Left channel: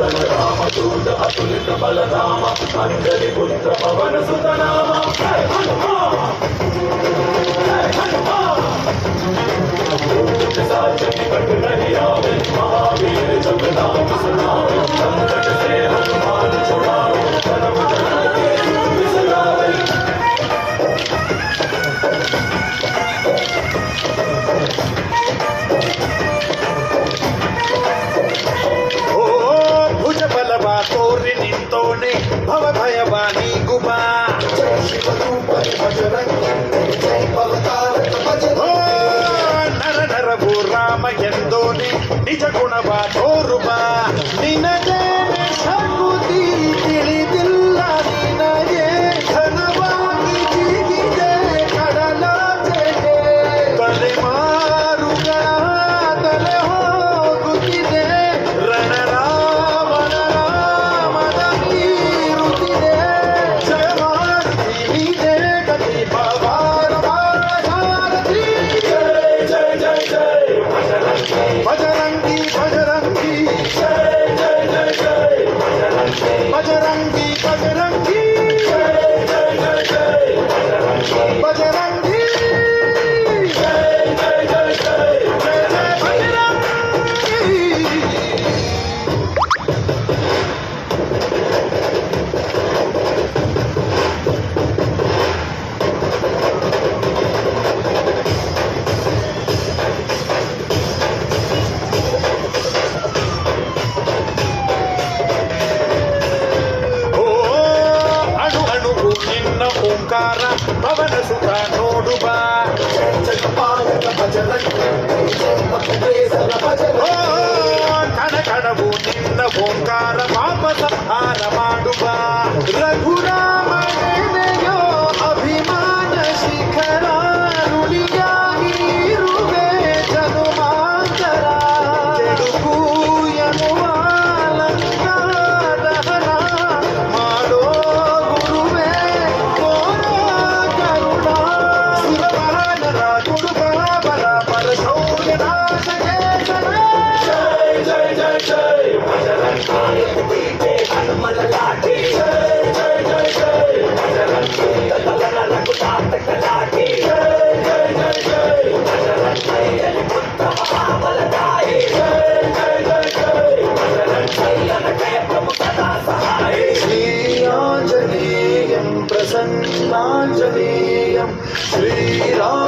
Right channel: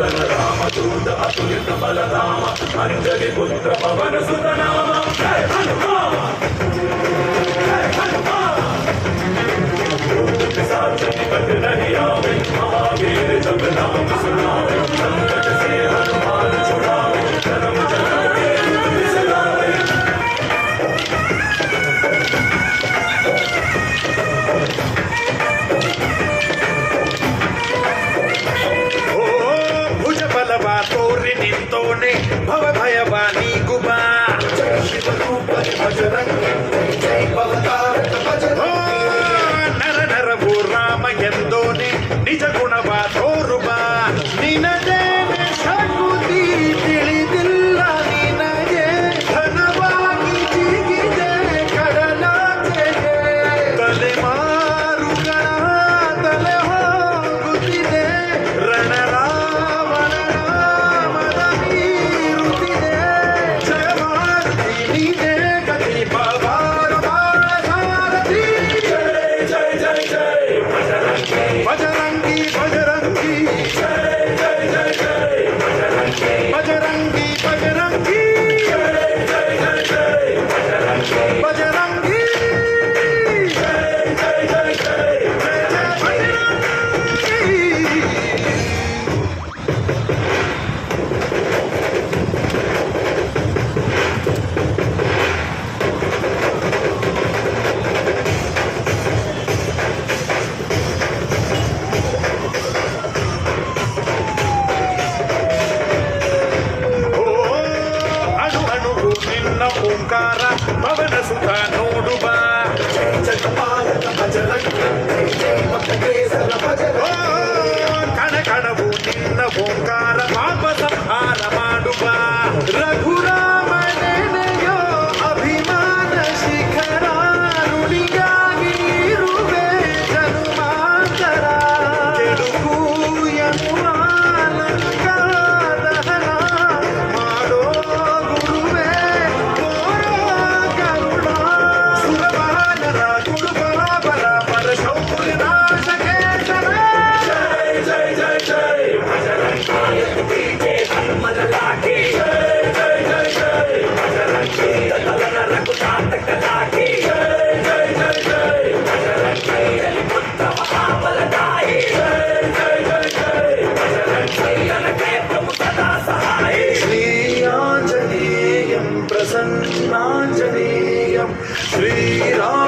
मदन रामदूत अतुलित बलधाम अंजलि पुत्र पवन सुत नाम जय हनुमान जय हनुमान भूत पिशाच निकट नहीं आवे महावीर जब नाम सुनावे संकट से हनुमान छुड़ावे धर्म जगत के दुख बिसरावे तोरि निंतोने भव भयवानी गुमा जय शिव रूप बजरंगी जय भवतारक बजरंगी नर नर वो राम ಎಂದೋನೆ ನಿಜ ಗುಣವ ತೋರುವ ನಿನದೇನೆ ಶಕ್ತಿ ತಿಳಿದಿಲ್ಲ ನಿನಗೆ ಘನವಾಗಿ ಜಿಗಿದೆ ಕಡಲಾಚೆಗೆ ತಲೆಮಾರುಗಳ ತಲೆ ಹೋಗುತ್ತಿದೆ ರಣರಾವಣ ರಾಮದ ಮೀರುತ್ತಿದೆ ಜಯಮಾರುತಿ ನೀನೇ ಗತಿ ಪವಾರ ಸಾರಥಿ जय जय जय बजरंगी बजरंगी जय जय जय जय बजरंगी बजरंगी जय जय जय जय बजरंगी जय जय जय जय जय जय बजरंगी ಅಣು ಅಣುವು ನಿನ್ನ ಓಂಕಾರ ಪವನ ಸುತ ನೋಡುವ जगपालक बजरंगी जय भक्तकेसर बजरंगी ಕಣ ಕಣವು ನಿನ್ನ ಓಂಕಾರ ಪಾಪ ಸಂಹಾರ ಮಾಡುವ ರಘುರಾಮನೆನೆಯೋ ಅಭಿಮಾನ ಶಿಖರ ನುಡಿಯಾಗಿ ಇರುವೆ ಜನುಮಾಂತರ ಕೆಡುಕು ಎನ್ನುವ ಲಂಕಾದಹನ ಮಾಡೋ ಗುರುವೇ ಕೋರೋ ಕರುಣ ಸುರವಾನರ ತುಡುಪಾಬಲ ಪರಶೌರ್ಯ ನಾಶಕೇಶನ जय जय जय जय बजरंगी के हनुमान लागी जय जय जय जय बजरंगी दलन रघुनाथ कलागी जय जय जय जय बजरंगी पुत्र महाबलदाई जय जय जय जय बजरंगी अनके प्रभु सदा सहाय श्रीआंजनेयं प्रसन्नांजनेयं श्रीराम